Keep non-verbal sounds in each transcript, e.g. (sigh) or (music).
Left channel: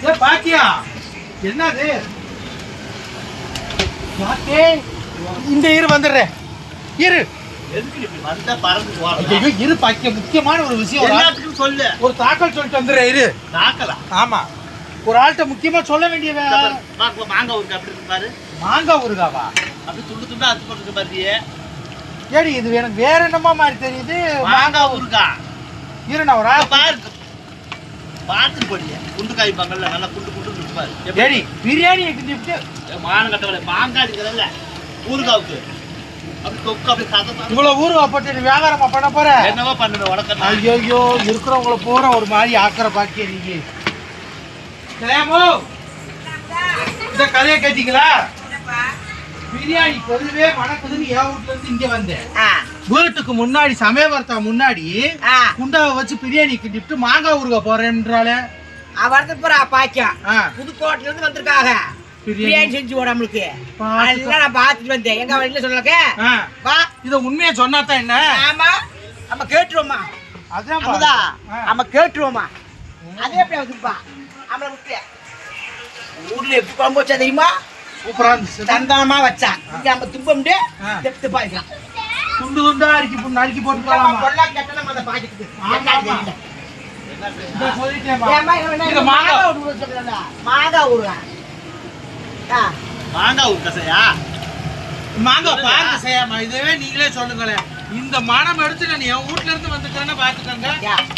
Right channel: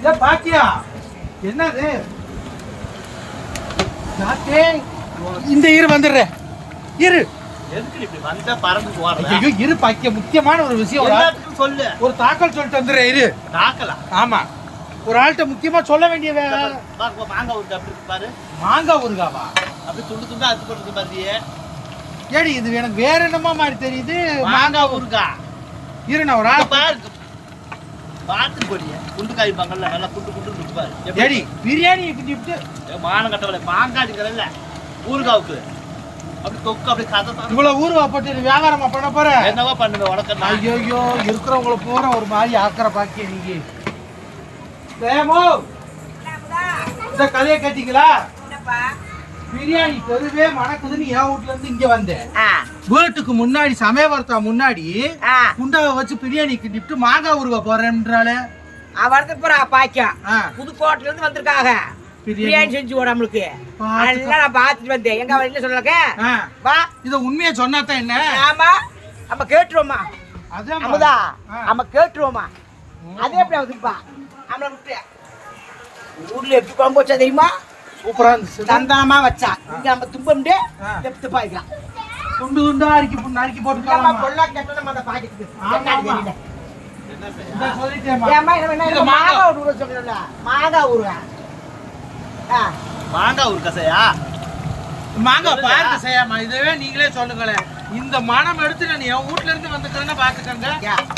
ஏ பாக்கியா. என்னது? நாத்தே. இந்த இரு வந்துடுறேன். இரு. ஐயோ இரு பாக்கிய. முக்கியமான ஒரு விஷயம் சொல்லு. ஒரு தாக்கல் சொல்லிட்டு வந்துடுறேன் இரு. தாக்கலாம் ஆமா. ஒரு ஆள்கிட்ட முக்கியமா சொல்ல வேண்டிய மாங்காய் ஊருக்கு அப்படி இருக்கு பாரு? மாங்காய் ஊறுகாவா? அப்படி துண்டு துண்டா அத்து போட்டு பாருயே ஏடி இது எனக்கு வேற என்னமா மாதிரி தெரியுது. மாங்காய் ஊருக்கா இரு நான் ஒரு ஆள் பாரு பாத்து போடிய குண்டு காய்ப்பாங்கல்ல நல்லா குண்டு குண்டு இருக்கு பாரு. எப்படி? பிரியாணி மானம் கட்டவளை மாங்காய் இருக்கிறல்ல ஊறுகாவுக்கு. அப்படி தொக்கு அப்படி கதை தான். இவ்வளவு ஊறுகா போட்டு நீ வியாபாரமா பண்ண போற? என்னவா பண்ணுவேன் உனக்கு ஐயோ இருக்கிறவங்கள பூரா ஒரு மாதிரி ஆக்கிற பாக்கிய நீங்க. தேமோ இந்த கதையை கேட்டீங்களா? பிரியாணி பெருவே மணக்குதுன்னு என் வீட்ல இருந்து இங்க வந்தேன். வீட்டுக்கு முன்னாடி சமயவரத்தா முன்னாடி குண்டாவை வச்சு பிரியாணி கிண்டிட்டு மாங்காய் ஊறுகாய் போறேன்றாலே வரது போறா பாக்கியம் ஆ, புதுக்கோட்டையில இருந்து வந்திருக்காங்க பிரியாணி. செஞ்சு போட நம்மளுக்கு. நான் பார்த்துட்டு வந்தேன். எங்க இல்ல சொல்லக்க? வா. இத உண்மையை சொன்னாதான் என்ன? ஆமா. நம்ம கேட்டுருவோமா? அதான். நம்ம கேட்டுருவோமா? அதே எப்படி வந்துப்பா நம்மள விட்டு ஊர்ல எப்படி குழம்பு வச்சா தெரியுமா? சூப்பரா இருந்துச்சு. தந்தனமா வச்சா. இங்க நம்ம தும்பம்டு ஆ. தெப்து பாய்க்கலாம். துண்டு துண்டா அரிக்கி நறுக்கி போட்டுக்கலாமா? கொள்ளா கேட்டா நம்ம அந்த பாக்கெட்டுக்கு. என்ன இந்த மாங்காய். கசையா? மாங்காய் பாருங்க செய்யாமா இதுவே நீங்களே சொல்லுங்களேன் இந்த மனம் எடுத்து நான் என் வீட்ல இருந்து வந்துக்கிறேன்னா பாத்துக்கோங்க.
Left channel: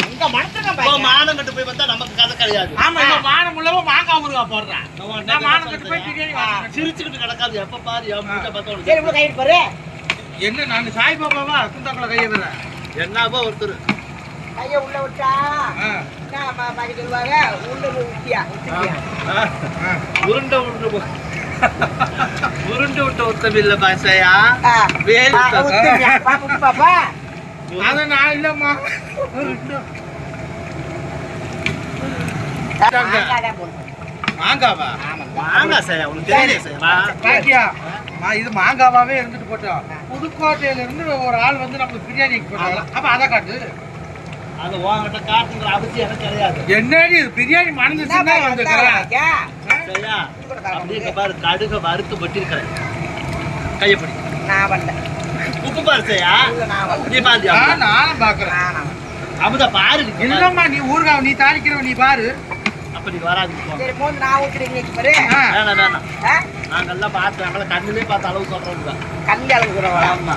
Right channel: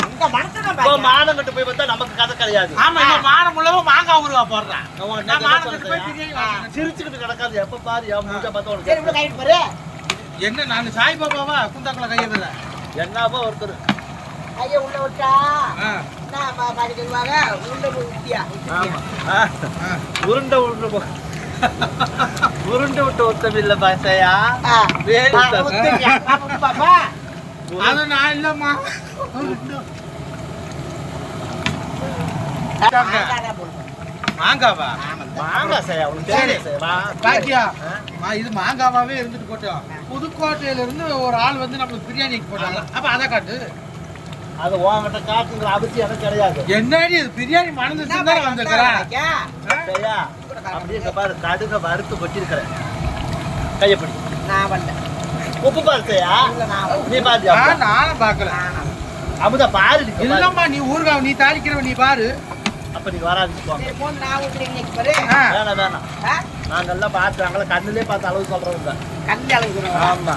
இப்போ பாக்கியம். மானம் கட்டு போய் பார்த்தா நமக்கு கதை கிடையாது. ஆமா இவன் மானம் உள்ளவன் மாங்காய் ஊறுகா போடுறான் நான் மானம் கட்டு போய் பிரியாணி வாங்கிக்கிறேன் சிரிச்சுக்கிட்டு கிடக்காது எப்ப பாரு என் மூஞ்ச பார்த்தா சரி பாரு என்ன நான் சாய் பாபாவா குந்தாக்குள்ள கைய விடுறேன். என்னாவோ ஒருத்தர். கையை உள்ள விட்டா? என்ன பா- பாக்க சொல்லுவாங்க? விட்டுட்டியா? ஆ. உருண்டை உருண்டை போ- உருண்டு விட்டு ஒருத்தம் இல்ல பாசையா ஆ. வேலு? பாப்பா. அது நான் இல்லம்மா. போடுங்க. மாங்காவா. மாங்காய் செய்யா உங்களுக்கு பாக்கியா? மா- இது மாங்காவாவே இருந்துட்டு போட்டோம். புதுக்கோட்டையில இருந்து ஒரு ஆள் வந்து நம்மளுக்கு பிரியாணி வைக்க போட்டாங்க? அப்ப அதை காட்டு. அது உன்கிட்ட காட்டுங்கிற அவசியம் எனக்கு கிடையாது. என்னடி இது? பிரியாணி மணந்துச்சுன்னு தான் வந்துக்கிறேன்? சரியா? பாரு கடுக வறுத்து கொட்டிருக்கிறேன் கையை பிடி நான் வரல. உப்பு பாரு செய்யா இல்ல, நான் வரல. நீ பாரு நானும் பாக்குறேன் நானா? அமுதா பாரு. இல்லம்மா நீ ஊறுகாய் நீ தாளிக்கிறவ நீ பாரு. அப்ப நீ வராது போங்க. சரி, போன் நான் ஊத்துறேன் இன்னைக்கு பாரு. ஆ, வேணாம் வேணாம். ஆ? நாங்கெல்லாம் பார்த்து நாங்கள கண்ணுலயே பார்த்த அளவு சொல்றோம் அளவு சொல்லுவாங்க. ஆமா.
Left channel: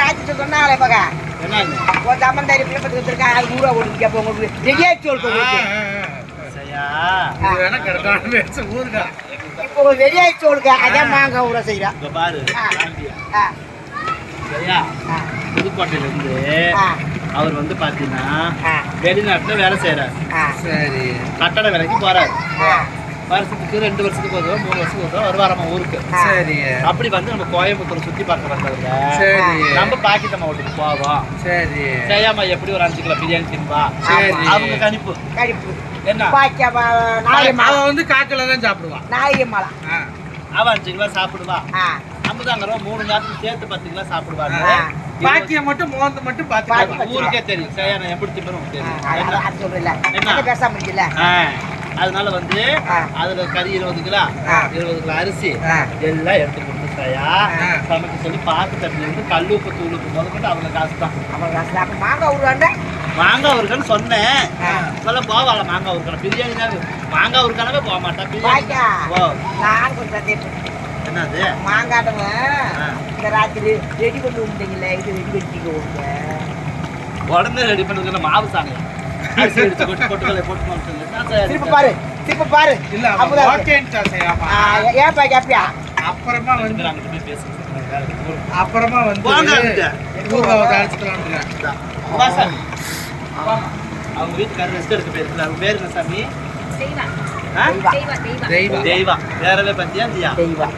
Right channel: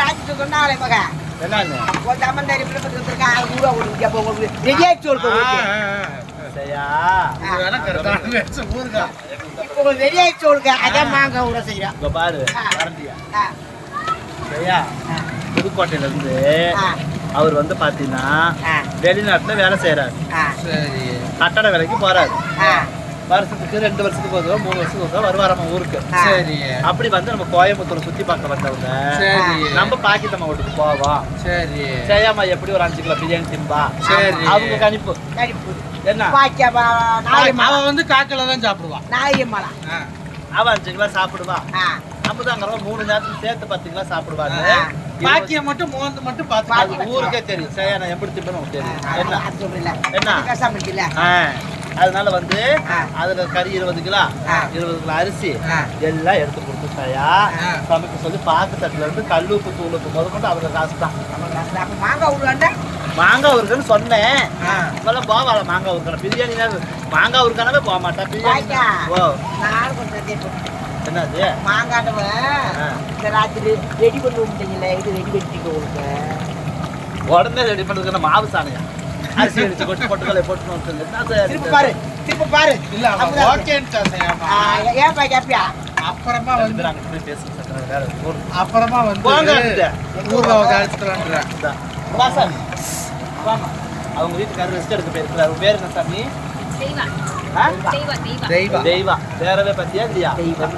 ராஜ்கிட்ட சொன்னாங்களே மகா. என்னன்னு ஒரு சம்மந்தாரி பிள்ளை பத்தி வந்திருக்கா, அது. கேப்ப உங்களுக்கு ரெடியா. சரியா? வேணா கரெக்டான இப்போ உங்களுக்கு ரெடியா சோறுங்க. அதான் மாங்காய் ஊற செய்யலாம். இங்க பாரு சரியா? புதுக்கோட்டையில இருந்து அவர் வந்து பாத்தீங்கன்னா ஆ, வெளிநாட்டுல வேலை செய்யறாரு ஆ, சரி. கட்டட வேலைக்கு போறாரு. ஆ. வருஷத்துக்கு ரெண்டு வருஷத்துக்கு ஒரு மூணு வருஷத்துக்கு ஒரு தடவை வருவாராம ஊருக்கு. சரி. அப்படி வந்து நம்ம கோயம்புத்தூர் சுத்தி பார்க்க வந்தவங்க சரி. நம்ம பாக்கித்தம்மா வீட்டுக்கு போவோம். சரி. ஜெயாமா எப்படி ஒரு அஞ்சு கிலோ பிரியாணி தின்பா? சரி. அவங்க கணிப்பு. கருப்பு. என்ன? பாக்கியா, பா- நாயம்மா. அவ வந்து காக்கில தான் சாப்பிடுவான் நாயம்மாளா. அவன் அஞ்சு கிலோ சாப்பிடுவா. ஆ, நம்ம தாங்க மூணு நேரத்துக்கு சேர்த்து பத்து கிலோ சாப்பிடுவாங்க. பாக்கிய மட்டும் மோந்து மட்டும் பாத்து பாக்கி. ஊருக்கே தெரியும் சரியா நான் எப்படி திப்பணும் ஆ, தெரியும் என்ன? அதனால வந்து. அதுல கறி இருபது கிலோ. இருபது கிலோ அரிசி. எல்லாம் எடுத்து கொடுத்துட்டாயா. சமைக்க சொல்லி பாக்கு தட்டுல இருந்து கல்லுப்பு தூளுப்பு முத கொண்டு அவங்க காசு தான் மாங்காய் ஊருக்குன்னு சொன்னேன். சொல்ல போவாள மாங்காய் ஊருக்கான பிரியாணி தான் மாங்காய் ஊருக்கானவே போக மாட்டேன் பிரியாணி. ஓ. என்னது மாங்காட்டவன். இந்த ராத்திரி ரெடி பண்ணி விட்டீங்களே இது ரெடி பண்ணிட்டீங்க உங்க உடனே ரெடி பண்ணுறது மாவு சாணி. அரிசி எடுத்து கொட்டு பொட்டுக்கலை போட்டு திருப்பி பாரு திருப்பி பாரு. இல்ல அவன். ஓகேன்ட்டா செய்யாமா ஆ, ஏன் பாக்கி அப்படியா அப்புறமா வந்து. அப்புறமா வந்து. வா சாமி அவங்க வீட்டுக்காரர் ரெஸ்ட் எடுக்க பேசுறாரு பேர் என்ன சாமி? தெய்வா? தெய்வா தெய்வா. பேரவே பத்தியா இல்லையா?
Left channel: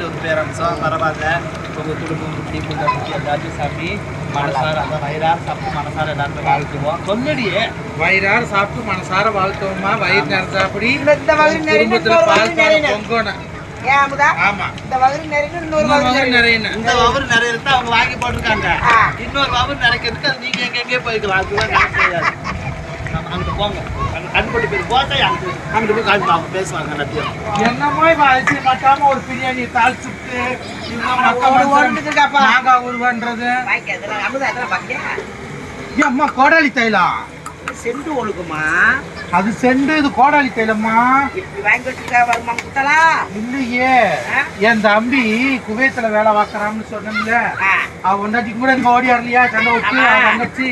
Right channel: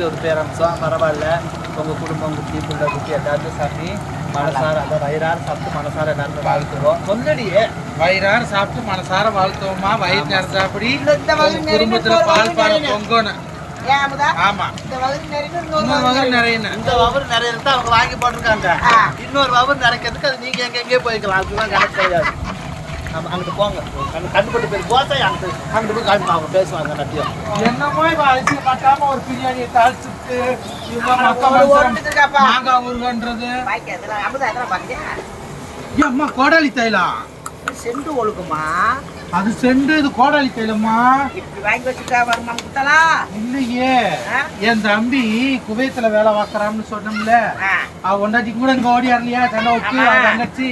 ஒரு பேரம்சம் பரவாயில்ல. உங்க குடும்பம் குட்டி புள்ள குட்டி எல்லாத்தையும் சாமி மனசார அந்த வயிறார சாப்பிட்டு மனசார எல்லாருமே வாழ்த்துவோம் சொன்னடியே வயிறார சாப்பிட்டு மனசார வாழ்த்தோமா வயிறு உங்க நிறைய குடும்பத்துல இன்னொரு பால் பொங்கணும் ஆமா இந்த நிறைய இன்னொரு நிறைய நிறைய இந்த வவுறு நிறைய அவங்க வாங்கி போட்டிருக்காங்க. இன்னொரு வவுறு நிறைக்கிறதுக்கு அது நீங்க எங்க எங்கே போய்க்கலாம் அதுதான் கிடையாது நம்ம அங்கிட்டு போங்க அந்த கண்ணுப்பட்டு பேர் போத்தா அவங்க பேசுவாங்க எல்லாத்தையும் என்னமோ அரிசி மாட்டாம ஒரு பிரியாணியை தாளிச்சுட்டு இருக்காப்பா. மாங்காய் ஏன் அம்மா. கோடாலி தைலம் செண்டு ஒழுகுமா அது செண்டு இது கோடாலி தைலம்மா. இப்படி வாங்கி வச்சுட்டா வருமா இல்லையே. ஆ? என் தம்பி குவைத்துல வேலை பார்க்கறான்னு சொன்னோம்ல அவன் ஒண்டாட்டி கூட இங்க ஓடியாரலையா? தண்டை விட்டு தங்கச்சி.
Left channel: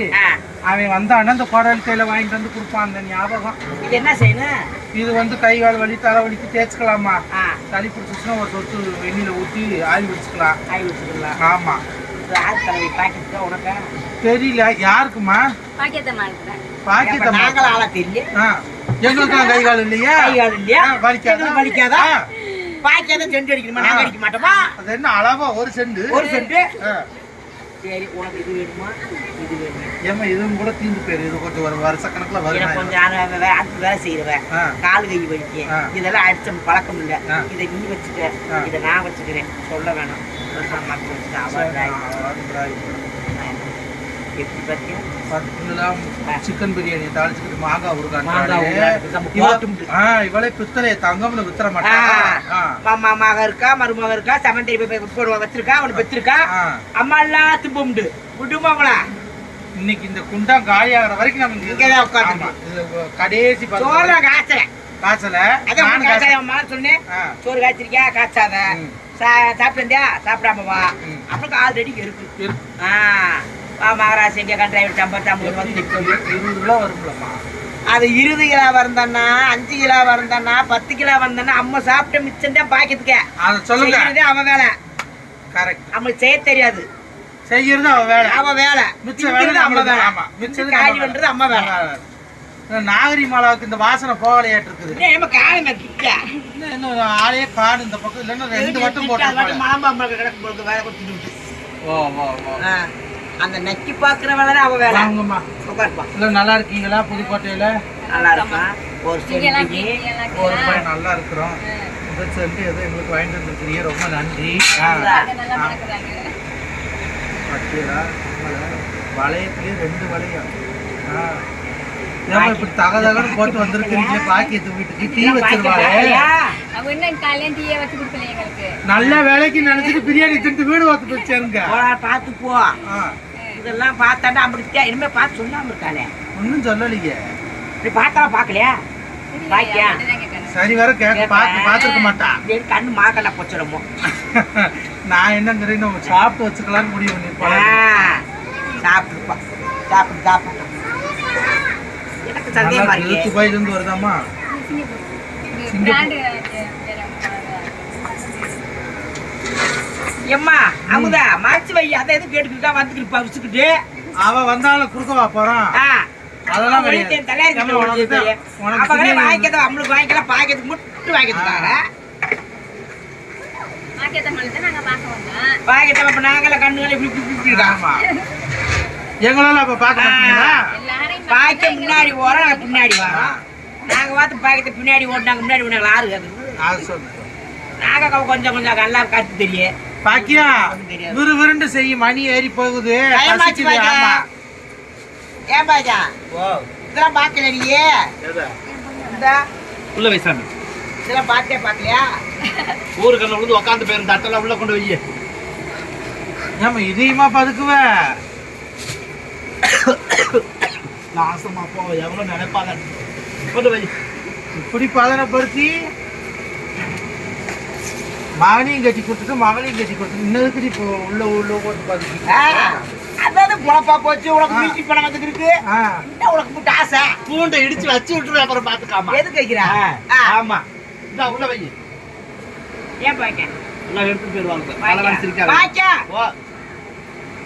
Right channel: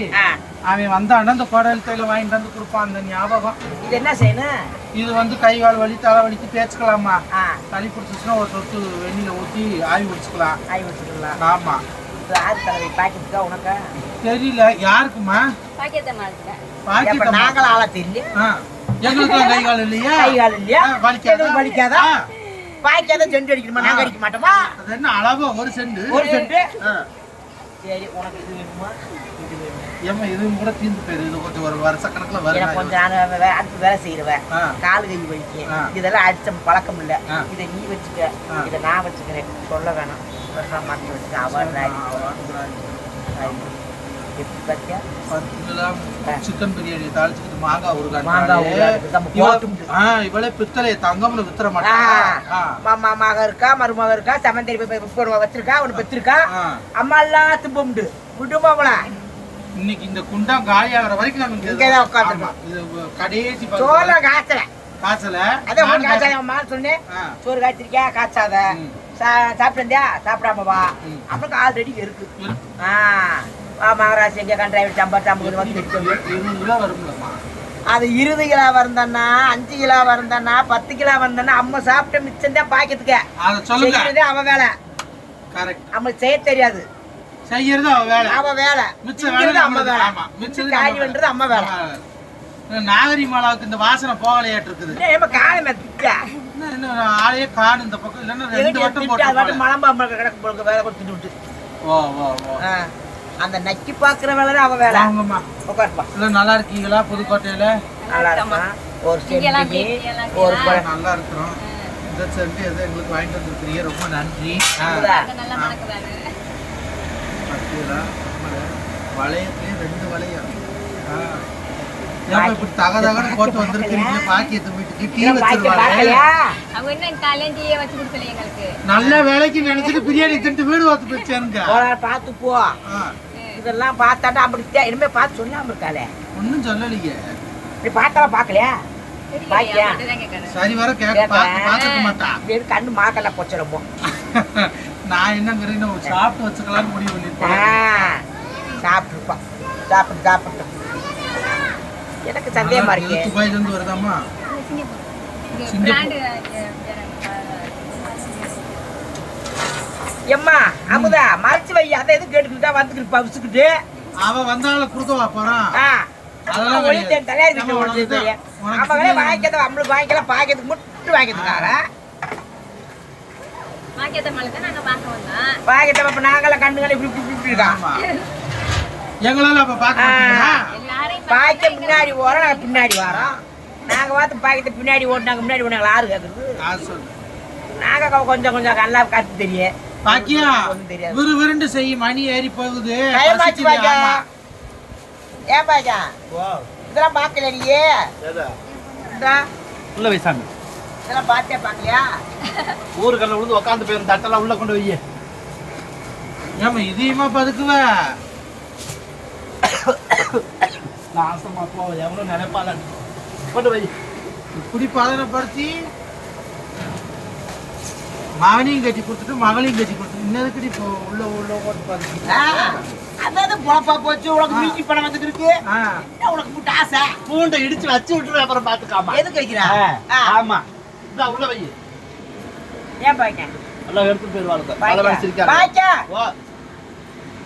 அவன் வந்தான்னா அந்த கோடாலி தைலம் வாங்கிட்டு வந்து கொடுப்பான் அந்த ஞாபகம். இது என்ன செய்யணும்? இது வந்து கை கால் வலி தலை வலிக்கு தேய்ச்சிக்கலாமா? ஆ. சளி பிடிச்சிச்சுன்னா ஒரு தொத்து வெந்நில ஊற்றி ஆவி பிடிச்சிக்கலாம். ஆய் வச்சுக்கலாம் ஆமா. இது ஆள் தலைவி பாக்கெட்டுக்கா உனக்கா? தெரியல. யாருக்குமா பாக்கியத்தம்மா நாங்களும் ஆளா தெரியல ஆ. எங்களுக்கெல்லாம் கை கால் இல்லையா? கை கால் இல்லையா? வலிக்காதா? வலிக்காதா? ஆ, பாய்க்காத செண்டு அடிக்கணுமா? நாங்க அடிக்க மாட்டோமா? அது என்ன அளவா? ஒரு செண்டு? ஒரு செண்டு? ஆ, சரி உனக்கு இது வேணுமா? இது வேணுமா? ஏம்மா இதுவும் கூட தீர்ந்து போயிரு. இது கொஞ்சம் ஒரு வருஷ கணக்குல வரும் கொஞ்சம் நான் அடுத்து வேலை செய்யறவன். ஆ, கால் கை வலிக்கு. இதெல்லாம் அடிச்ச பழக்கம் இல்ல. இதை நீ வச்சுக்க. இதை நான் வச்சுக்கிறேன். சொல்ல வேணாம். வருஷம் மாற்றி வச்சுக்க அவன் சிக்கன் பிரியாணி தாளிச்சுக்கிட்டு மாங்காய் நம்ம ஆ இவளே பித்தளைய தங்கம்னு வித்துற மாட்டாங்க ஆ, மாமா மக இருக்கா மருமக இருக்கா செமண்டரி வச்சிருக்கா அவனை பெற்றிருக்கா ஆ. அம்மா எல்லாம் திம்ப உண்டு விடுமாவள இன்னைக்கு இந்த குண்டம் காலி ஆகுற வரைக்கும் இது கடைசி சோற காய்ச்சல. காய்ச்சல? நானும் காய்ச்சல. காய்ச்சல அம்மா சொன்னேன் சோறு காய்ச்சிருக்கியா? காய்ச்சாத. சாப்பிட்டியா? சாப்பிடாம வா. அப்புறம் ஆல்ரெடி இருக்கு. இருக்கு. ஆ. மகராசி எங்க கண்டாயிரம் சம்பர் சம்பளம் வந்து நிற்கும். இருபது கிலோ வரும்லம்மா அது இருபது கிலோ வந்தன்னா அஞ்சு கிலோ வந்தன்னா பத்து கிலோ வந்தன்னா அம்மா சாப்பிட்ட மிச்சம் தான் பாக்கிறதுக்கு அத சொல்லுங்க. அவ வேலை. கரெக்ட் நம்மளுக்கு செய்ய தெரியாது. செய்யறது அவ வேலை. அவ வேலை. மிச்ச திங்கிறது வேலை நம்மளுக்கு வேலை. ஆமா. மிச்சது காலி நம்ம பண்றது அம்மா வேலை. நாகரி மாலாவுக்கு இந்த வாசனை போகலையாட்டு இருக்குது ஏமா காலமே கிட்ட இன்னும் இன்னும் ஆளையே காடு இந்த பக்கம். இல்லைன்னா ரெண்டு வட்டம் போட்டு வட்டம் போகலாம். மலம்பாம்பு கிடக்கு போல வேலை கொடுத்துட்டு ஓ ஓ ஓ. அந்த நக்கி பாக்குற வேலை அவ வேலை. வாங்கம்மா. உட்காருப்பா. இல்ல நல்லா இருக்கீங்களா புதுக்கோட்டையில? நல்லா இருக்கா? ஒரு சென்டிக்கு ஒரு நல்லா இருக்கிறோம். இந்த சென்ட் எது எங்களுக்கு வாங்கிட்டு வந்திருக்கிறீங்க. ரொம்ப நன்றி. பட்டியலா கம்மல. வளையத்துலயே ரெண்டு வளையம். ஆ. ஏமா இப்படி தக தகன்னு போட்டு வந்திருக்கிறீங்களே பாக்கியத்து வீட்டுக்கு? டீ வச்சிருவாளே? அவங்க என்ன காலையில டீயே வச்சு கொடுக்கல எங்களுக்கு? நல்ல வேலைக்கு நினைச்சிட்டு பிரியாணி தின்ட்டு வீடு வாத்து போச்சேருங்க பார்த்து போ. ஆ. இதெல்லாம் பார்த்தாண்டா அப்படித்தான் இனிமே பார்த்து சொல்லாம இருக்காளே. ஒன்றும் சொல்லலையே. நீ பார்த்தா பார்க்கலையா? சரி வர கேட்க பார்த்து பார்த்துருக்க மாட்டா. (laughs) இது கண்ணு மாக்கல கொச்சிடமோ (laughs) நான் என்னங்கிறேன் சாப்பிட்டு வச்சுக்கலாம்னு முடிவு பண்ணிருப்பாளா. சாப்பிட்டுப்பா. சாப்பிட்டு சாப்பிட்டோம் எனக்கு சந்தேகமா இருக்கு. துபாயில இருந்து வருதாமா எம்மா அமுதா மறைச்சு வை. அதை எதுவும் கேட்டுக்கிட்டா வந்துக்கிட்டு பவிச்சுக்கிட்டு அவ வந்தாலும் குடுக்கவா போறான். அதெல்லாம் கிடையாது. வாங்கிக்கிறத நம்மளுக்கு வாங்கிக்கலாம். பாக்கிறதுக்கு மட்டும் வாங்கிக்கிறதுக்காக மார்க்கெட்ட மலை தான் நாங்க பார்க்க வந்தோம். வாங்கிட்டோம். அப்ப நாங்கள கண்ணுங்களை இப்படி இப்படி இப்படி இருக்கோம். எங்களால அப்ப பார்க்க மாட்டீங்களா? பாய்க்க முன்னாடி ஓரம் நாங்க பின்னாடி வரோம் நாங்க பார்த்து பாய்க்கத்தை பின்னாடி ஓட்டினாங்க முன்னாடி ஓடினாங்க ஆறு கேக்குறது அது சொல்லு. நாங்க கொஞ்சம் கொஞ்சம் நல்லா கத்து தெரியும் பாக்கியா ஒண்ணும் தெரியாது. விறு விருண்டு செய்யும் மணி ஏறி போகுது. ஏன் பாய்க்கா இதெல்லாம் பார்க்கல நீயே இந்த. உள்ள வை சாமி. இதெல்லாம் பார்த்தே பார்க்கலையா? ஊருக்கல்ல விழுந்து உட்காந்து போயிரும் தட்டெல்லாம் உள்ள கொண்டு வை. ஏமா இதையுமா பதுக்குவ? நாசமா போ எவ்வளவு நினைப்பால கொண்டு வை இப்படி பதனப்படுத்தி மகனையும் கட்டி கொடுத்துட்டு மகளையும் கட்டி கொடுத்துட்டு இன்னதுக்கு இப்போ உள்ள உள்ள போட்டு ஆ, அதாவது பொழப்பா போச்சு உனக்கு மிஞ்சி பணம் வந்துக்கு இருக்கு. உனக்கு முட்டை ஆசை? பூண்டை இடிச்சு வச்சு விட்டுரு அப்புறம் பாத்துக்காமா எதுக்கு வைக்கிறா? ஆமா. இந்த உள்ள வை. ஏன் பாய்க்க எல்லாம் எடுத்து போயிருவாங்க நல்ல மனசு இருக்காங்க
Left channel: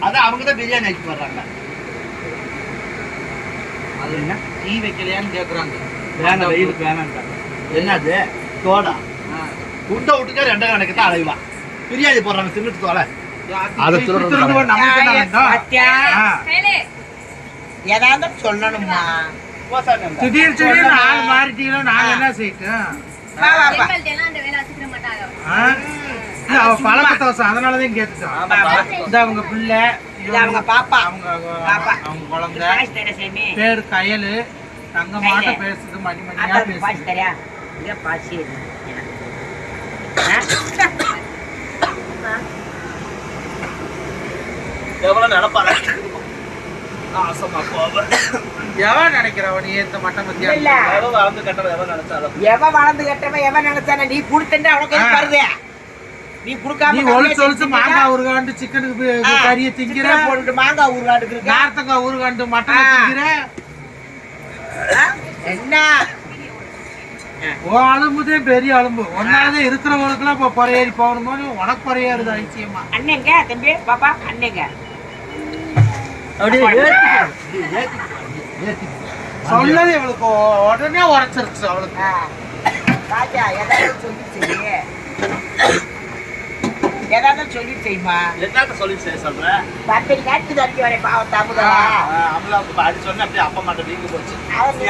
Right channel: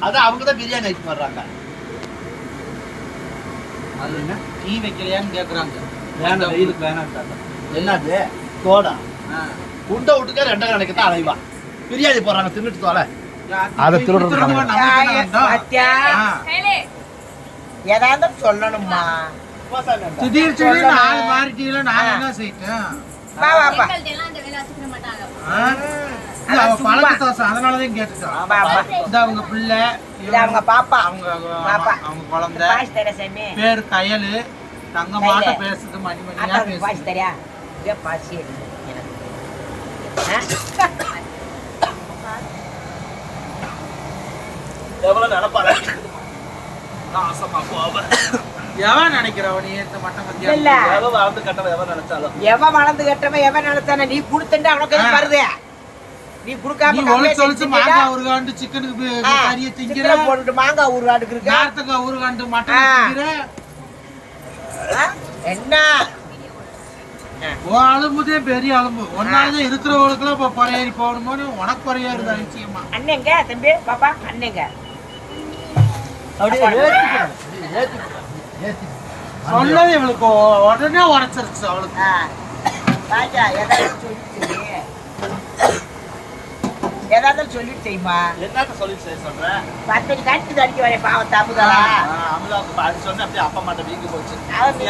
அதான் அவங்க தான் பிரியாணி ஆக்கி வர்றாங்க. என்ன? டீ வைக்கலையான்னு கேக்குறாங்க. வேணாம் வெயிலுக்கு வேணாம் என்னது? தோடா. உண்டை விட்டுக்க ரெண்டாம் கணக்கு தான் அலைவா? பிரியாணி போடுறாங்க தின்னுட்டு தோலை. அதை. கையிலே ஏதாவது சொல்லணுமா? திடீர் திடீர்னு ஆள் மாறிட்டீங்களா நாங்க என்ன செய்யட்டும்? அவ பழக்க தோசை அதனாலதான் கேட்டுட்டோம் வா, வா. இந்த அவங்க பிள்ளை அவங்க பாப்பா. அவங்க. அவங்க குழந்தை. பேர் கயலு. தங்க மாட்ட பேசுது மணி மணியா பேசுது எவ்வளவு நினைப்பாரு எவன் நினைக்கிறவன் நீ ஏத்த மாட்ட பத்தியா இல்ல எவ்வளவு வாழ்ந்து கட்டவன் எவ்வளவு நினைச்சாலும். எவன் வளர்ந்து கட்டவன் எவன் நினைச்சானே நீ கொடுத்தா அவனுக்கு. வருது? நீ கொடுக்காம நீ ஒளிச்சு ஒளிச்சு மாங்காய் உருகாண்டு சிக்கனுக்கு கறியை திங்கிற. போட்டுட்டு மாங்காய் ஊறுகாடுக்கு இருக்க? நார்த்தங்காய் உருகாண்டு மட்டன். திங்கிற. ஆ? என்ன? ஓ அலும்புதே பெரிய அலும்பு. ஒன்னாலதான் இருக்கிறவங்களுக்குலாம் இப்போ பொறையேறி போகணுமோ உனக்கு பொறையாருது ஐசியமா அண்ணங்க தம்பி பாப்பா அண்ணங்க. சொன்னது இவளுக்கு உடனே உரைச்சிருச்சு அவளுக்கு. ராஜா ஏதாவது சொல்லி ஏதாவது சொல்லி செய்யுமா என்னத்த சொல்லி செய்ய சொல்ற? பத்தடி காட்டு அடிக்க வரேன் பாவத்தை அமுதாளா அமலாவுக்கு பாடி சொன்ன அப்படியே அப்பா மாட்ட வீங்கி போச்சு. அது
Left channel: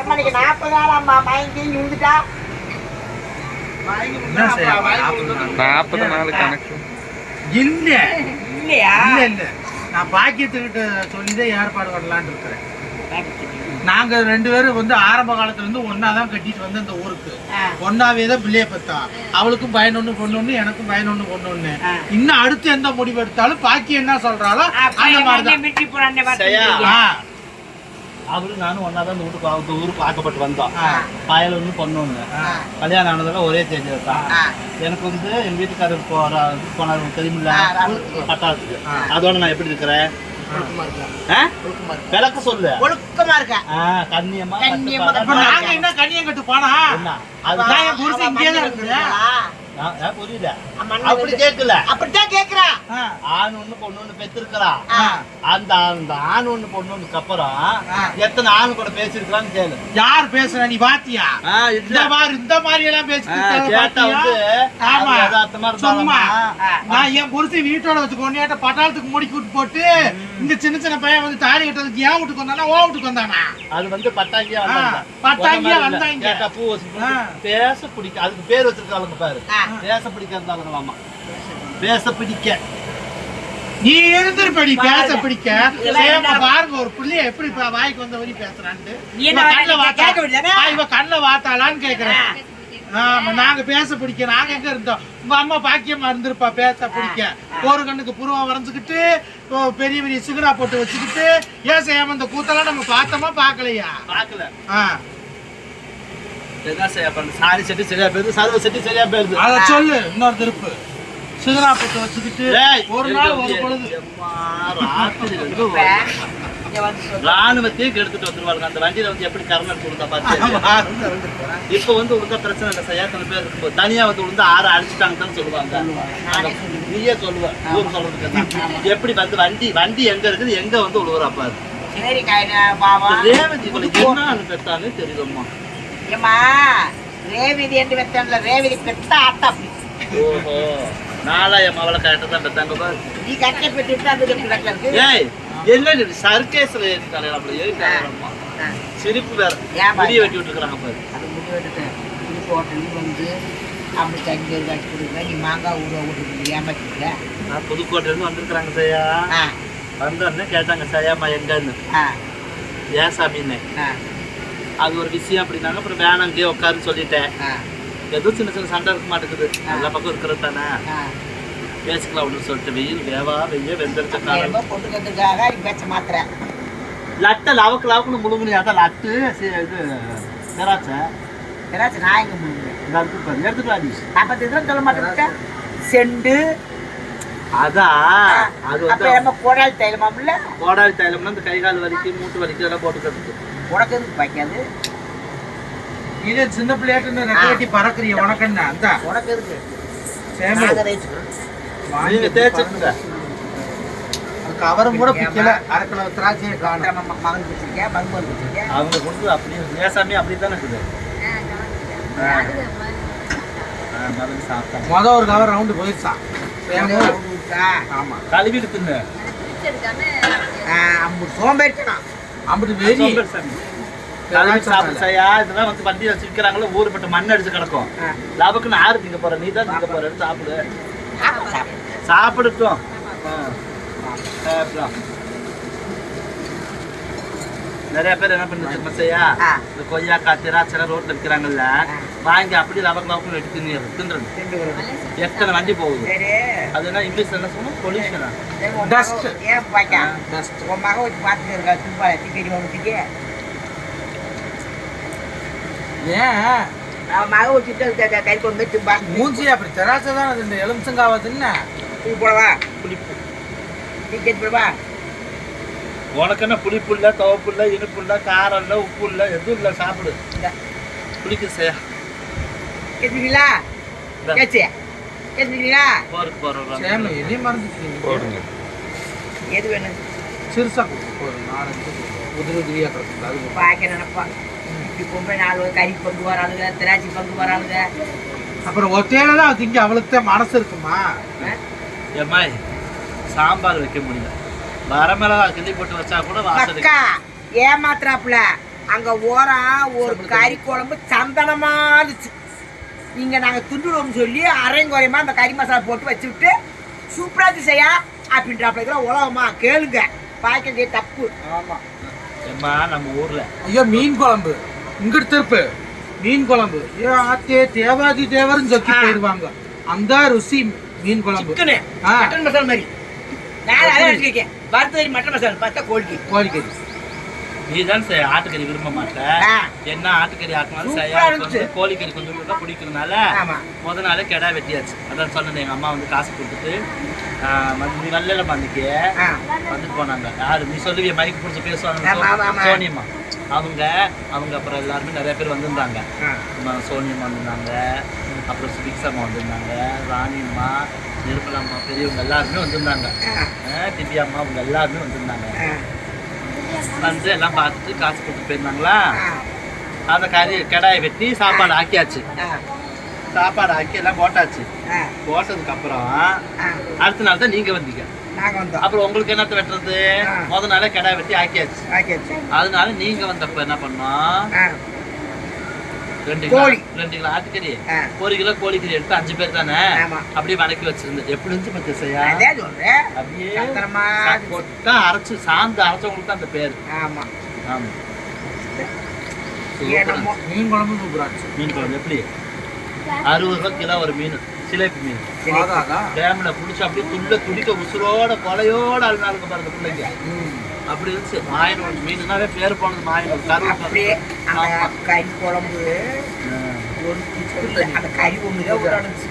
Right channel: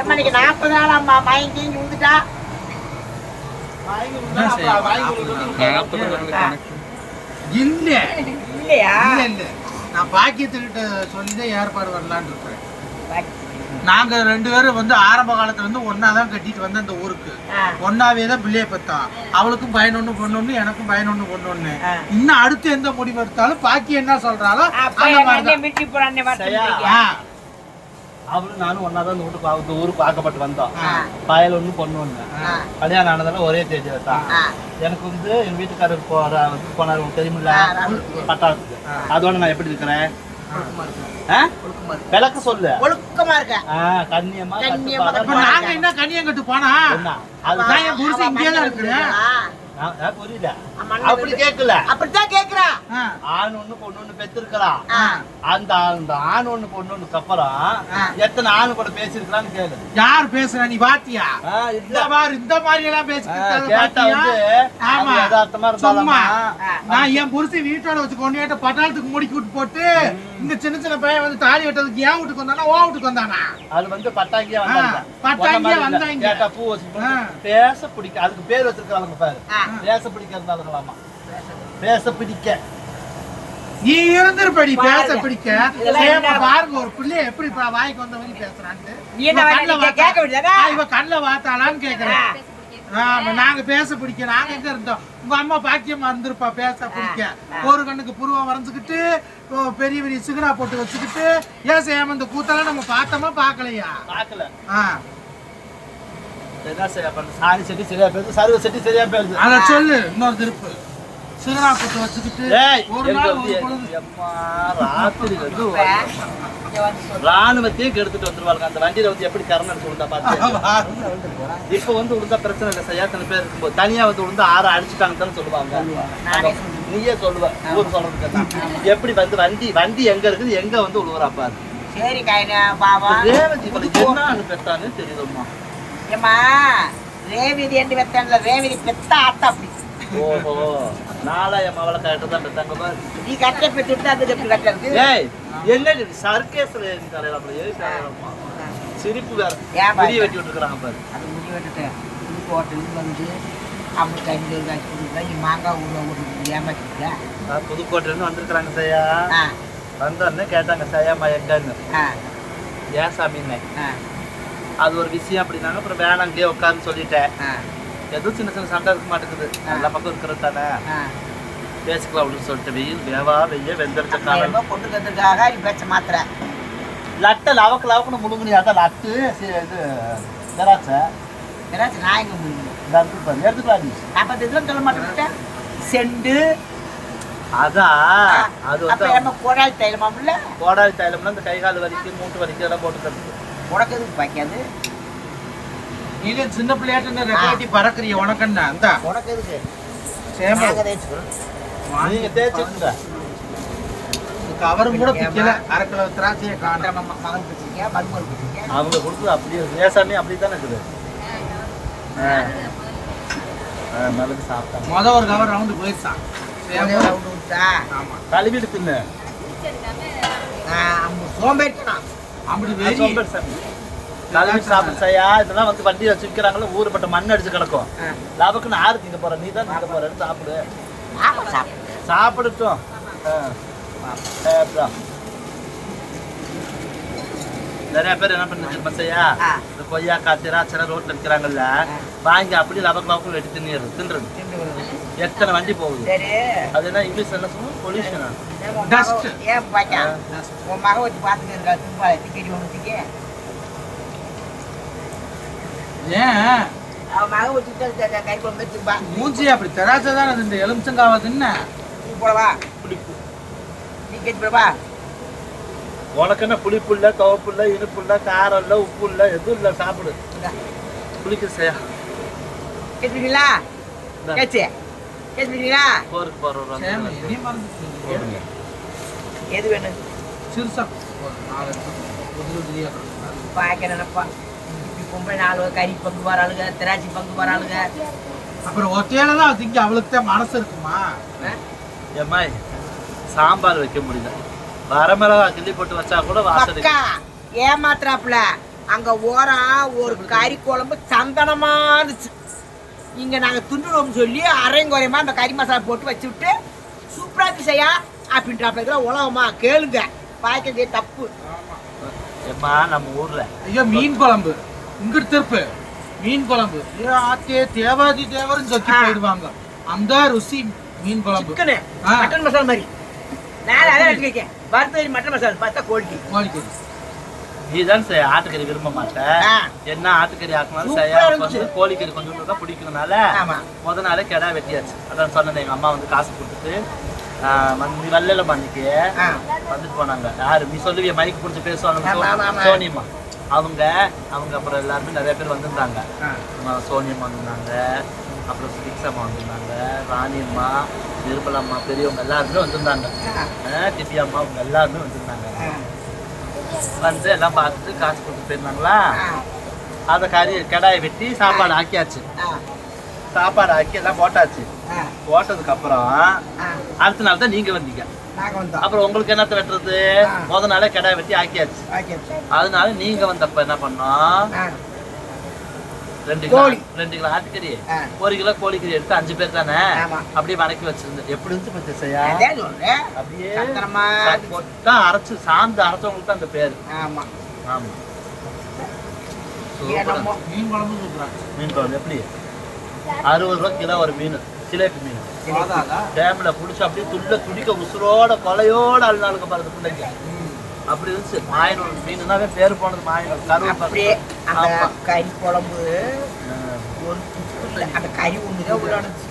எம்மனுக்கு நாற்பது நாள் அம்மா மயங்கி விழுந்துட்டா? நாற்பது நாள். கணக்கு. இல்ல இல்லையா? இல்ல இல்ல. நான் பாக்கியத்துக்கிட்ட சொல்லிதான் ஏற்பாடு பண்ணலான்னு இருக்கிறேன். பாக்கி. நாங்க ரெண்டு பேரும் வந்து ஆரம்ப காலத்துல இருந்து ஒன்னா தான் கட்டிட்டு வந்த இந்த ஊருக்கு. ஒன்னாவே தான் பிள்ளைய பெத்தான் அவளுக்கும் பயனொன்னு பொண்ணொன்னு எனக்கும் பயனொன்னு பொண்ணொன்னு ஆ. இன்னும் அடுத்து எந்த முடிவு எடுத்தாலும் பாக்கி என்ன சொல்றாலோ அந்த. ஆ, அவரு நானும் ஒன்னா தான் இந்த வீட்டுக்கு இந்த ஊருக்கு ஆக்கப்பட்டு வந்தோம். பயல் ஒண்ணு பொண்ணு ஒண்ணு. ஆ. கல்யாணம் ஆனதால ஒரே தேதி தான். எனக்கு வந்து எங்க வீட்டுக்காரர் போற போனார் தெரியுமில்ல. பட்டாளத்துக்கு. அதோட நான் எப்படி இருக்கிறேன்? விளக்க சொல்லு. ஒழுக்கமா இருக்க? கண்ணியமா கண்ணியமா. நாங்க என்ன கனியங்கட்டு போனா என்ன? அப்படி கேட்கல அப்படித்தான் கேக்குறா ஆ, ஆண் ஒண்ணு பொண்ணு ஒண்ணு பெத்திருக்கிறா ஆ. அந்த அந்த ஆண் ஒண்ணு பொண்ணு ஒண்ணுக்கு அப்புறம். எத்தனை ஆண் கூட பேசிருக்கலாம்னு கேளு யார் பேசுறா நீ பாத்தியா இந்த மாதிரி இந்த மாதிரி எல்லாம் பேசிட்டு கேட்டா வந்து ஆமா. யதார்த்தமா இருந்தாலும் நான் என் புருஷன் வீட்டோட வச்சு கொண்டாட்ட பட்டாளத்துக்கு முடிக்கி விட்டு போட்டு இந்த சின்ன சின்ன பையன் வந்து தாலி கட்டதுக்கு ஏன் வீட்டுக்கு வந்தானா ஓ வீட்டுக்கு வந்தானா அது வந்து பட்டாங்கியா வந்தாங்க பட்டாங்கியா. வந்தாங்க. கேட்டா பூ வச்சு. பேச பிடிக்க அதுக்கு பேர் வச்சிருக்காங்க பாரு. பேச பிடிக்க இருந்தாலுங்களாமா பேச பிடிக்க. நீ இருந்திருப்படி பேச. பிடிக்க? சேமா? பாருங்க ஒரு பிள்ளைய எப்படி வாய்க்கு வந்த வழி பேசுறான்ட்டு. இவ கண்ணுல வாத்தாளான்னு கேக்குறேன். ஆமா நாங்க பேச பிடிக்க. நாங்க எங்க இருந்தோம்? உங்க அம்மா பாக்கியமா இருந்திருப்பா பேச பிடிக்க. ஒரு கண்ணுக்கு புருவம் வரைஞ்சுக்கிட்டு ஓ, பெரிய பெரிய சிகனா போட்டு வச்சுக்கிட்டு ஏன் செய்யாம இந்த கூத்தெல்லாம் நம்ம பார்த்தோமா பார்க்கலையா? பார்க்கல. ஆ. என்ன செய்ய பண்ண? சாரி செட்டி சரியா போயிருது சர்வ செட்டி சரியா போயிருது அத சொல்லு இன்னொரு திருப்பு. வச்சுக்கிட்டு ஒரு நாள் ஒரு பொழுது. ராணுவத்தையும் எடுத்துட்டு வந்துருவாங்க அந்த வண்டியில வந்து எப்படி கரணம் எடுத்து பாத்து இப்ப வந்து உனக்கு பிரச்சனை இல்லை சரியா சில பேர் இருக்கும்போது தனியா வந்து விழுந்து ஆற அடிச்சுட்டாங்கன்னு சொல்லுவாங்க. நீயே சொல்லுவ. ஊர் சொல்றதுக்கு? எப்படி வந்து வண்டி வண்டி எங்க இருக்குது எங்க வந்து விழுவுறா பாரு. சரி பாவா என்ன பெத்தான்னு தெரியலம்மா ஏம்மா ரேவதி என்று வெத்தன்ல ரேவதி பெத்தா ஆத்தா அப்படி. ஓஹோ நாளா என் மகளை கரெக்டா தான் பெத்தாங்க பாரு. நீ கட்ட பெற்றுட்டு அதுக்கு எப்படி கட்டது ஏய் இது? சர்க்கேஸ்ல ஏறிட்டாலேம்மா சிரிப்பு வேற புரிய வெட்டி விட்டுருக்காங்க பாரு. அது முடி புது ஹோட்டல் வந்து அவனுக்கு அஞ்சு ஒரு காசு கொடுக்குறேன். நீ மாங்காய் ஊற விட்டு ஏமாத்திக்க நான் புதுக்கோட்டையில இருந்து வந்திருக்கிறாங்க சையா. வந்தோடனே கேட்டாங்க சையாம்மா எங்கன்னு? ஏன் சாமின்னு? அது ஒரு விஷயம் அப்படின்னாங்க. அப்புறம் வேணாம் இங்கேயே உட்காருன்னு சொல்லிட்டேன். எதுவும் சின்ன சின்ன சண்டை இருக்க மாட்டேங்குது. எல்லா பக்கம் இருக்கிறது தானே. பேசிக்கலாம் அப்படின்னு சொல்லிட்டு வெயில் வேவா வெய்ய அப்ப காலம் நீ பேச்ச மாத்திர லட்டை லவக்கு லவக்குன்னு முழுங்குனியாட்டா லட்டு சி- இது திராட்சை. ஏதாச்சும் நான் எங்க எடுத்துட்டு வா நீ நாற்பத்தி இதெல்லாம் சொல்ல மாட்டேன் செண்டு. அதான் அது அப்ப வந்து கோடால் தைலமாம்ல கோடாரி தைலம்னா இந்த கை கால் வலிக்கு மூட்டு வலிக்கு எல்லாம் போட்டுக்கிறது உனக்கு பாய்க்காது நீ தான் சின்ன பிள்ளையாட்டு ரெக்க வெட்டி பறக்குறிய உனக்கண்ணா அந்த உனக்கு எதுக்கு? சேம. நாங்க தேய்ச்சுக்கிறோம். நீங்க தேய்ச்சிட்டுங்க அது கவரும் கூட பிக்கல. அரை கிலோ திராட்சையை மகள் மருமகள் அவங்க கொடுத்தது அப்படியே ஏசாமி அப்படி தானே மருந்து சாப்பிட்டாங்க முத ஒரு கவர் ரவுண்டு போயிடுச்சான் சேமோ ரவுண்டு விட்டா? ஆமா. கழுவிட்டு தின்னு. சோம்பேறித்தனம். அப்படி வெறி. சோம்பேறி சாமி. கழுவிட்டு சாப்பிடு சையா இதெல்லாம் வந்து வண்டி வச்சு விற்கிறாங்களே ஊருப்பட்ட மண் அடிச்சு கிடக்கும். லாபக்குன்னு ஆறு திங்க போற நீ தான் திங்க போற சாப்பிடு. சாப்பிடட்டும். நிறைய பேர் என்ன பண்ணி தெரியுமா செய்யா ஆ. இந்த கொய்யாக்காய் திராட்சை ரோட்ல விற்கிறாங்கல்ல. வாங்கி அப்படி லவக்கு லவக்கு வெட்டி தின்னு தின்றது எத்தனை வண்டி போகுது? சரி. அது என்ன இங்கிலீஷ் என்ன சொல்லணும் பொல்யூஷனா ஏன் உன் மகன் வச்சு பார்த்துட்டு இருக்கா தும்பா டிக்கெட் ஏன்? அவன் மகன் வச்சுட்டு கறி கொண்டு தும்பா மூஞ்சி அப்படி திராட்சை தானே இந்த எலுமிச்சங்காவை தின்ன? நீ போடவா? புளிப்பு டிக்கெட் போடவா? உனக்கு என்ன புளிப்பு இல்ல துவப்பு இல்ல இனிப்பு இல்ல காரம் இல்ல உப்பு இல்ல எதுவும் இல்ல சாப்பிடு புளிக்க செய்யா கேட்டுப்பீங்களா கேச்சு கேட்டுப்பீங்களா போருக்கு போறோம் சேம எதையும் மறந்துட்டீங்க. போடுங்க. எது வேணும் சிறுசா கொடுங்க போதும். நாலஞ்சு உதிரி உதிரியா கிடக்குது அது பாக்க நினைப்பா இப்படி பொம்பளை நாலு கறி பங்கு வராளுங்க திராட்சை பங்கு வராளுங்க அப்புறம் ஒத்தையில தான் திங்க அவளுக்கு தான் மனசு இருக்குமா? ஆ? ஏம்மாய் சாம்பார் வைக்க முடியல. வரமிளகா கிள்ளி போட்டு வச்சா கூட ஏமாத்துறாப்புல. அங்க ஓரம் ஒரு கறி குழம்பு சந்தனமா இருந்துச்சு. இங்க நாங்க துண்டுடுவோம் சொல்லி அரைங்குறையமா அந்த கறி மசாலா போட்டு வச்சு விட்டு சூப்பரா இருந்துச்சு செய்யா அப்படின்றாப்புல. இதெல்லாம் உலகமா கேளுங்க. பாய்க்க தப்பு. ஆமா. ஏம்மா நம்ம ஊர்ல. ஐயோ மீன் குழம்பு. இங்கிட்டு திருப்பு. மீன் குழம்பு. ஏ ஆத்தே தேவாதி தேவர்னு சொக்கி போயிடுவாங்க. அந்த ருசி மீன் குழம்பு. மசாலா மாதிரி. நான் அதை வச்சிருக்கேன் வறுத்தறி மட்டன் மசாலா பார்த்தா கோழி கோழிக்கறி. நீ தான் செய்ய ஆட்டுக்கறி விரும்ப மாட்டேன். என்ன ஆட்டுக்கறி. வந்து கோழிக்கறி கொஞ்சம் தான் பிடிக்கிறதுனால முத நாளே கெடா வெட்டியாச்சு. அதான் சொன்னேன் எங்க அம்மா வந்து காசு கொடுத்துட்டு ஆ, ம- நீ வரல அன்னைக்கு. ஆ. வந்துட்டு போனாங்க. யாரு நீ சொல்லுவிய மைக்கு பிடிச்சி பேசுவாங்க. சோனியம்மா. அவங்க அவங்க அப்புறம் எல்லாருமே நிறைய பேர் வந்திருந்தாங்க. சோனியம்மா வந்திருந்தாங்க. அப்புறம் சுபிக்ஷாம்மா வந்திருந்தாங்க. ராணியம்மா நிர்மலாம்மா பெரியவங்க எல்லாருமே வந்திருந்தாங்க. திவ்யா அம்மா அவங்க எல்லாருமே வந்திருந்தாங்க. வந்து எல்லாம் பார்த்துட்டு காசு கொடுத்து போயிருந்தாங்களா? அதை கறி கடாயை வெட்டி சாப்பாடு ஆக்கியாச்சு. சாப்பாடு ஆக்கி எல்லாம் போட்டாச்சு. போட்டதுக்கு அப்புறம் அடுத்த நாள் தான் நீங்க வந்தீங்க. அப்புறம் உங்களுக்கு என்னத்த வெட்டுறது. முத நாளே கடாய் வெட்டி ஆக்கியாச்சு. ஆக்கியாச்சு. அதனால நீங்க வந்தப்ப என்ன பண்ணோம்? ரெண்டு கிலோ கோழி. ரெண்டு கிலோ ஆட்டுக்கறி ஒரு கிலோ கோழிக்கறி எடுத்து அஞ்சு பேர் தானே? ஆமா. அப்படியே வதக்கி வச்சிருந்தேன். எப்படி இருந்துச்சு பச்சை செய்யா அதே சொல்றேன் அப்படியே சந்தனமா போட்டா அரைச்சு சாந்து அரைச்சவங்களுக்கு தான் அந்த பேரு. ஆமா. ஆமா. மீன் குழம்பு சூப்பரா மீன் குழம்பு எப்படி? அறுபது ரூபா கிலோ ஒரு மீன். சிலேபி மீன். டேம்ல புடிச்சு அப்படியே துள்ள துடிக்க உசுரோட கொலையோட அழுநாளுக்கு பாருங்க பிள்ளைங்க. அப்படி இருந்துச்சு. மாயனூர் மீனுனாவே பேர் போனது மாயனூர் கருவு அந்த. கறி குழம்பு. ஒரு இல்ல அந்த கறி ஒண்ணுதான் இருந்துச்சு.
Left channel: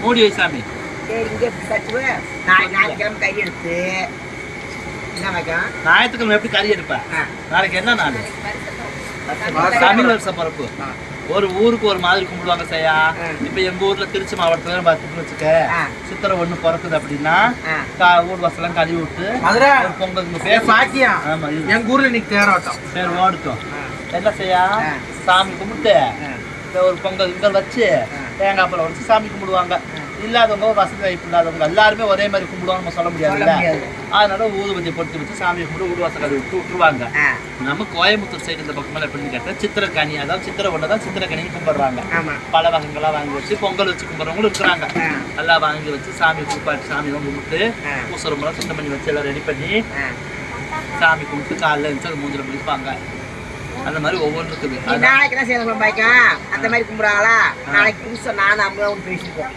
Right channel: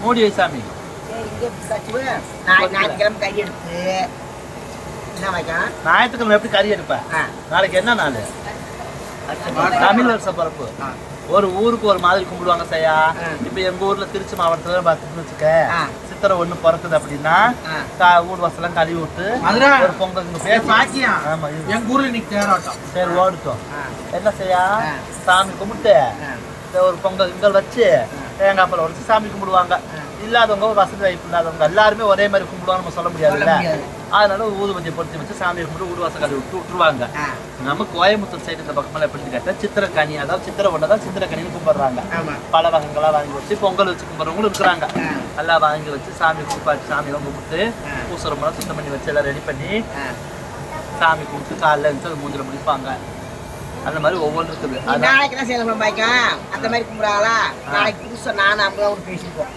மூடி வை சாமி. சரி இங்கே கட்டுவேன் நாளை ஞாயிற்றுக்கிழமை கறி எடுத்து என்ன வைக்கலாம் ஞாயிற்றுக்கிழமை எப்படி கறி எடுப்ப? ஆ. நாளைக்கு என்ன நாள்? தமிழ் வருஷ பரப்பு. ஆ. ஒரு ஊருக்கு ஒரு மாதிரி கும்பிடுவாங்க சையா. இப்ப எங்க ஊர்ல திருச்சி மாவட்டத்துல பார்த்துட்டு வச்சுக்க சித்திரை ஒண்ணு பிறக்குது அப்படின்னா ஊர் வாசலாம் கழுவி விட்டு ஒரு பொங்கல் ஆமா எங்க ஊர்ல இன்னைக்கு தேரோட்டம். பேர் ஓடுட்டோம். என்ன செய்யா. சாமி கும்பிட்டு ஒரு பொங்கல் இங்கல் வச்சு. தேங்காய் பழம் உடைச்சு சாமி கும்பிடுவாங்க. இல்லாதவங்க ஒரு வசதி வாய்ப்பு இல்லாதவங்க எல்லாருமே ஒரே மாதிரி கும்பிடுவாங்க நம்ம சொல்ல முடியாதுல்ல முடியாது. அதனால ஊதுபத்தி பொருத்தி வச்சு சாமி கும்பிட்டு ஊடு வாசல் கழுவி விட்டு விட்டுருவாங்க. நம்ம கோயம்புத்தூர் சைடு இந்த பக்கமெல்லாம் எப்படின்னு கேட்டால் சித்திரக்கனி அதாவது சித்திரை ஒன்றை தான் சித்திரக்கனின்னு கும்பிடுறாங்க. பல வகைகளா வாங்கி வச்சு பொங்கல் வச்சு கும்பிட்றவங்களும் இருக்கிறாங்க. எல்லாம் வாங்கி வச்சு சாமி குளிப்பாட்டி சாமியெல்லாம் கும்பிட்டு. பூசரமெல்லாம் சுத்தம் பண்ணி வச்சு எல்லாம் ரெடி பண்ணி சாமி கும்பிட்டு காலைல எழுந்து அது மூஞ்சில முடிப்பாங்க அந்த மாதிரி ஒவ்வொன்று இருக்குது. நாளைக்கு தான் சேலம் பாய்க்கும் அந்த மாதிரி கும்பிடுறாங்களா? நாளைக்கு புதுசாக நானும் அம்மாவும் பேசிப்போம்.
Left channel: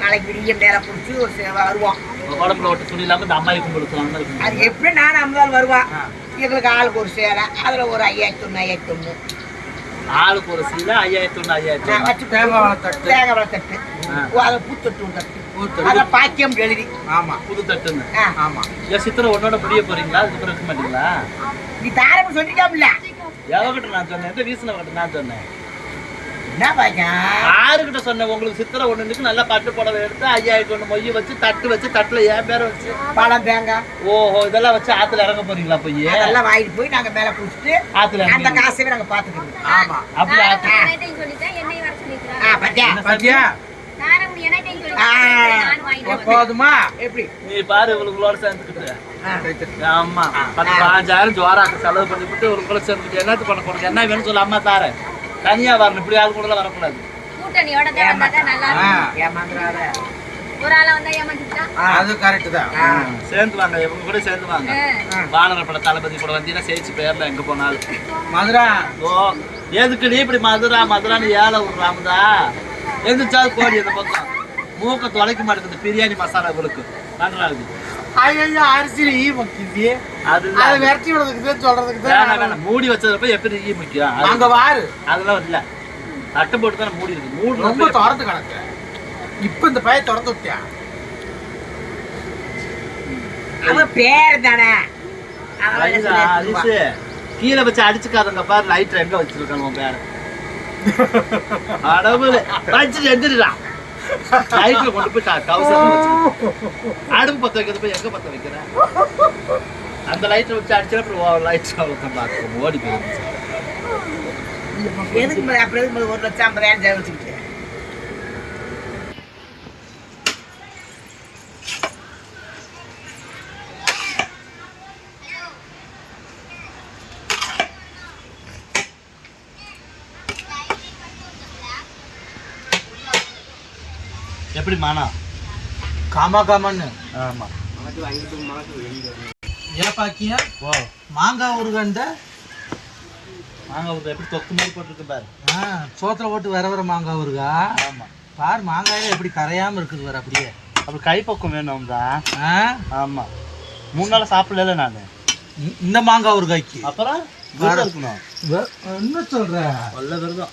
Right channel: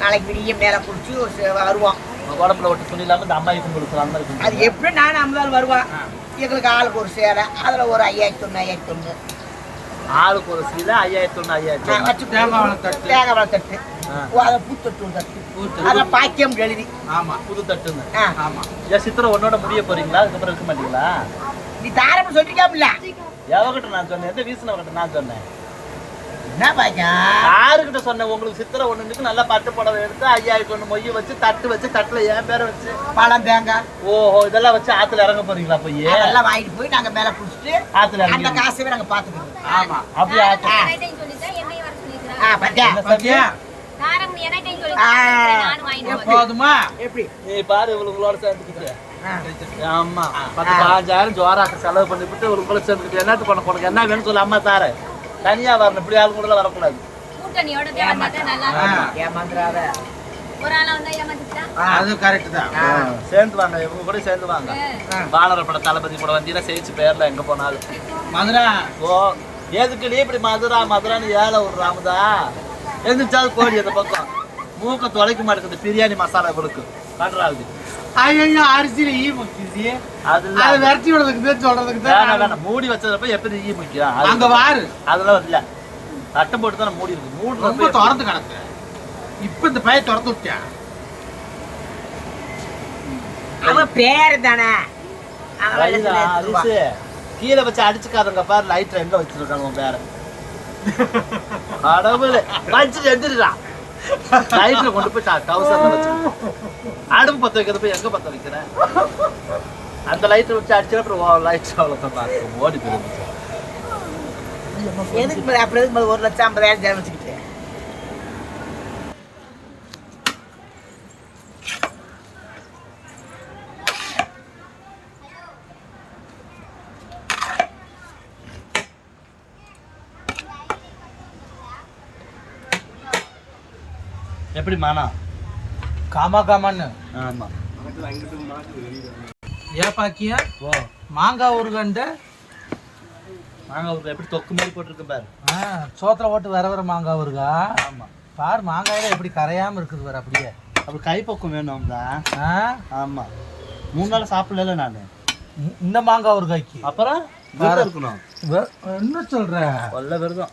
நாளைக்கு விடியம் நேரம் பிடிச்சி ஒரு வருவோம். உடம்புல ஒட்டு துணி இல்லாமல் இந்த அம்மாவை கும்பிடுக்கலாம் அது. எப்படி நானும் அம்மாள் வருவான். எங்களுக்கு ஆளுக்கு ஒரு சேலை அதில் ஒரு ஐயாயிரத்தி ஒன்று ஐயாயிரத்தி ஒன்று ஆளுக்கு ஒரு சீலை ஐயாயிரத்தி ஒன்று ஐயாயிரத்தி ஒன்று தேங்காய் வாழை தட்டு. தேங்காய் வாழை தட்டு. ஆ. ஓ, அதை பூத்தொட்டு தட்டு. பூத்தொட்டு. அதில் பாக்கியம் எழுதி. ஆமா. புது தட்டுன்னு ஆ. ஆமா. ஏன் சித்திரை ஒன்னோட முடிய போறீங்களா? அதுக்கப்புறம் இருக்க மாட்டீங்களா? நீ தாரப்ப சொல்லிட்டாப்ல எவகிட்ட நான் சொன்னேன்? எந்த வீசினவகிட்ட நான் சொன்னேன். என்ன பாய்க்கும் யாருக்கிட்ட சொன்னேன்? உங்களுக்கு சித்திரை ஒண்ணுக்கு நல்லா பட்டு புடவை எடுத்து ஐயாயிரத்தி ஒண்ணு மொய் வச்சு தட்டு வச்சு தட்டுல என் பேரை வச்சு. பழம் தேங்காய். ஓஹோ இதெல்லாம் வச்சு ஆத்துல இறங்க போறீங்களா போய்? அதெல்லாம் வாங்கிட்டு போய் நாங்கள் மேலே பிடிச்சிட்டு ஆத்துல அந்த இறங்கி காசையே நாங்கள் பார்த்துக்கிறோம் ஆமா. அப்படி ஆத்து. என்னைட்டையும் சொல்லிட்டேன் என்னையும் வர ஆ சொல்லிக்கிறேன் பாத்தியா? பாத்தியா. போதுமா? எப்படி? நீ பாரு இவளுங்களோட சேர்ந்துக்கிட்டு. ஆமா. பத்து பதினஞ்சாயிரம் ஜோராக்கு செலவு பண்ணிவிட்டு இவளுக்குள்ள சேர்ந்துக்கிட்டு என்னத்து பண்ண உனக்கு என்ன வேணும்னு சொல்லு அம்மா தாரேன். தனியா வரணும். இப்படி ஆள் கூட வரக்கூடாது. கூட்டணியோட. ஏமாந்துடாத ஒரு ஆளா வந்தா. அது கரெக்ட் தான். சேர்ந்து வாங்க. இவங்க கூட சேர்ந்து வாங்க. ஆ. பாலர பட தளபதி கூட வந்தீங்கன்னா சேர்த்து பேர்ல எங்க போனாலும். மதுரா ஓ எதுக்கு நீ இப்படி மதுரா மதுரான்னு ஏழை ஒரு ராமதா எந்திரிச்சாவது கோடி அந்த பக்கம். மூக்க தொலைக்க மாட்டேங்குது. பிரியாணி மசாலா கொடுக்கு. கன்றாகுது ஐயோ அரிசி ஈ முக்கியது அது விரட்டி விடுறதுக்கு சொல்றதுக்கு வேணாம் தான் வேணாம் மூடி வச்சதப்ப எப்படி ஈ முக்கியம் அங்க வாரு. அதெல்லாம் இல்ல. தட்டை போட்டு தானே மூடி இருக்கு. ரொம்ப மூடி திறந்து கிடக்கு. இப்ப இந்த பையன் திறந்து விட்டியான் அவன் பேர் தானே. கீழே வச்சு அடிச்சுக்காதங்க பாரு லைட்டர் எங்க வச்சிருக்கான் உன் பேர. அடவுல வச்சு எந்திரிடா. லைட்ல கொண்டு போய் கவுசர்ல வச்சு அடுப்பு பத்த வைக்கிறது போய் எங்க பத்த வைக்கிறேன் அந்த லைட்டை வச்சு அடிச்சா அப்புறம் லைட் அவ்வளோதான் ஓடி போயிருந்துச்சு எதுக்கு அப்புறம் எதுக்கு ஒரு லட்சம் ஐம்பதாயிரம் ஜெயம் வச்சுக்கிட்டு எப்படி மானா? காமா காமான்னு. ஆமா. ஏன் பாக்கியா ஓ மாங்காய் ஒரு கண்ட மாங்காய் ஒரு எப்படி தொக்கு மாதிரி போட்டிருக்கு பாரு. சோத்துல போட்டு வர வர மாங்காய் வருகா ஆமா. பாரு மாங்காயில எப்படி கரையாம இருக்குது வேற அப்படியே. அப்படி கைப்பக்கம் வேணும் தான் ஆ? ஆமா. மூணு நாள் சாப்பிடல நான். இந்த மாங்காய் ஊறுகாய்க்கு. அப்புறம் இருக்கணும். என்ன சொல்ற? கொல்ல விரதம்.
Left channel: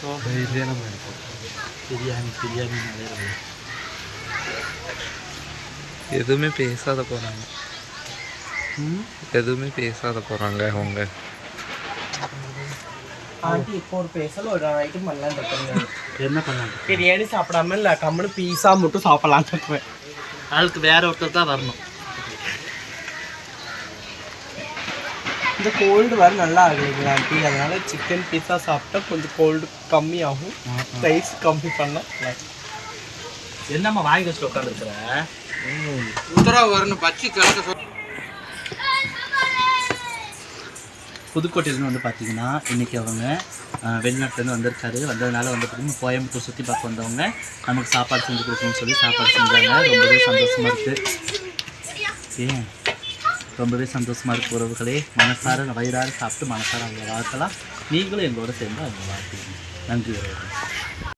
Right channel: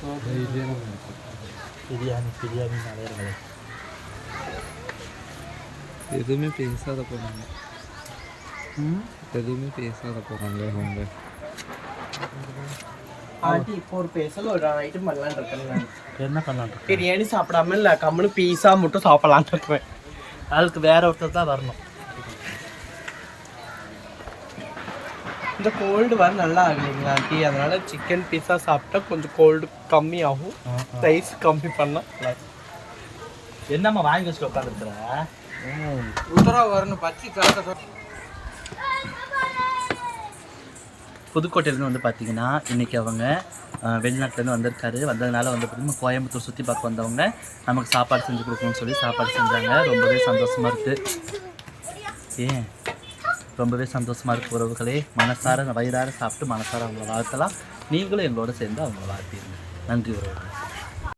சாப்பிடு. பிரியாணி பிரியாணி நிறைய. எதுவுமே பேசாத போறாங்க. எதுவுமே பேசாத போறாங்க அவங்க. ஆண்டி இப்போ ஒரு பேசல ஒரு ஐட்டம் பண்ணலான்னு இருக்கேன் என்ன பண்ணாங்க பிரியாணி சாப்பிடாம இல்லை கம்முனு பீஸா மட்டும் சாப்பிடலான்னு இருக்கிறேன் அதுக்கு வேற ஒருத்தர் தான் வரணும். இந்த கோல்டு வர நல்லா ஆகலைங்களா ஆண்டி அதனால சிக்கன் பீஸா சாப்பிட்டா கொஞ்சம் கோல்டு கம்மி ஆகும் ரைஸ் கம்மி பண்ணால் நல்லா. என்னம்மா வாங்கி வச்சுட்டு உட்காந்துருக்குறேன் உத்தரவு வரணும் பச்சி கலக்க சொல்லி புதுக்கோட்டையிலேருந்து வந்து பார்த்தீங்கன்னா இன்றைக்கி அவங்க வெளிநாட்டுலேருந்து வந்திருக்காரு. வந்ததுனால வந்து பார்த்தீங்கன்னா கோயம்புத்தூர் சுற்றி பார்க்க வந்தவங்க நமக்கு சாப்பாடு செஞ்சு கொடுக்கணும்னு சொல்லி சாப்பாடு செஞ்சாங்க. ரொம்பவே சந்தோஷமாக இருக்குது ஏன்? ரொம்பவே சந்தோஷமாக இருக்கு உறவுகளே. மனசார வயிறார சாப்பிட்டு மனசார அவங்கள வாழ்த்தலாம். நீங்களும் எங்களோட சேர்ந்து அவங்கள வாழ்த்தீங்க நன்றி உறவுகள்.